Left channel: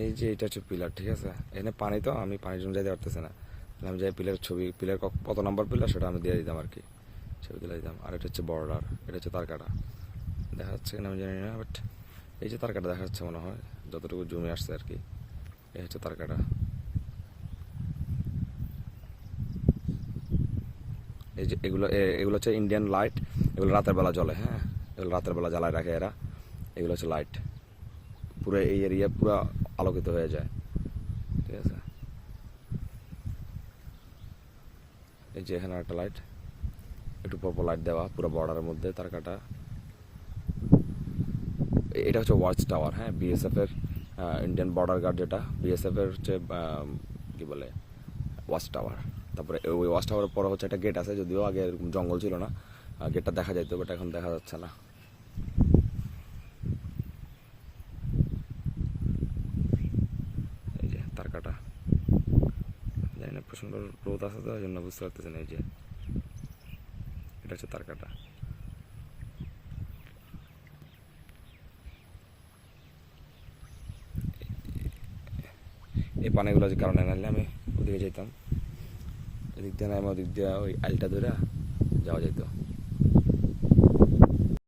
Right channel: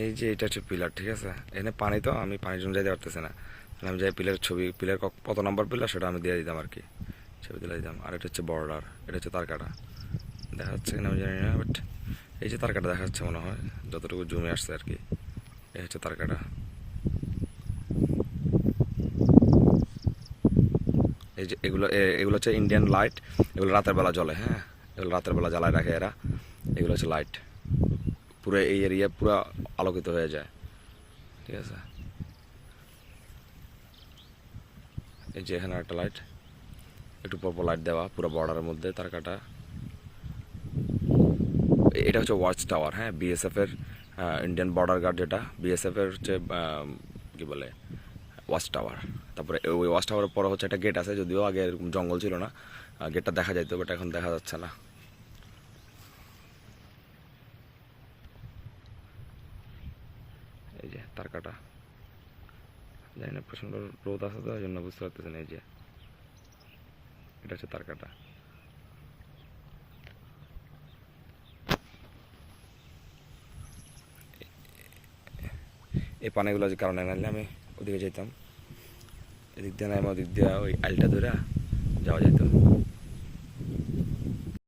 এই যে এটা হচ্ছে পিলার, ঠিক আছে। এখানে পানি, তো আমি পানির জন্য যাইতে পারতেছি না, তাহলে আমি যাই পিলারের ছবি, পিলার কত নাম্বার পিলার সেটা আমি দিয়ে দিতাম আর কি, ছবি তুলে দিতাম। আর এটা হচ্ছে বর্ডার, এটা হচ্ছে তারকাটা, দেখা যাচ্ছে কিনা আমি জানি না, বাট এই যে তারকাটা দেখা যাচ্ছে মনে হয়, যতটুকু জমে আসছে আর কি। এই হচ্ছে তারকাটা। এই যে এগুলো হচ্ছে ইন্ডিয়ান লাইট, এগুলো রাতের বেলা জ্বলে, হ্যাঁ, এগুলো রাতের বেলা জ্বালায় রাখে এরা। এগুলো হচ্ছে লাইট, পুরো এই এরিয়া পুরো আলোকিত হয়ে যায়, ঠিক আছে। এই যে এখানে একটা লাইট, একটু পরপর লাইট দেওয়া পুরো বর্ডারের মধ্যে তারকাটা। এটা হচ্ছে ওয়াচ টাওয়ার, হ্যাঁ, বিএসএফ এর, ইন্ডিয়ান বর্ডার গার্ড যেটা, বিএসএফ এর হচ্ছে কি বলে ওয়াচ টাওয়ার। তারপরে ওই ওয়াচ টাওয়ারের পরে হচ্ছে একটা গেট আছে, যদিও আগে এরকম জঙ্গল ছিল না, গেটটা দেখা যাইতো, বাট এখন দেখা যাচ্ছে না। এই যে তারকাটা, জানি না, প্রচণ্ড রোদ আছে তো, ওই জন্য বুঝতে পারতেছি না। এই যে এটা হচ্ছে তারকাটা। এই পানিগুলো যে কারণে নাহলে আমি ওদিকে যেতাম, এদিক দিয়ে না, ওদিক দিয়ে ওই আইলটা ধরে যাওয়া যেত।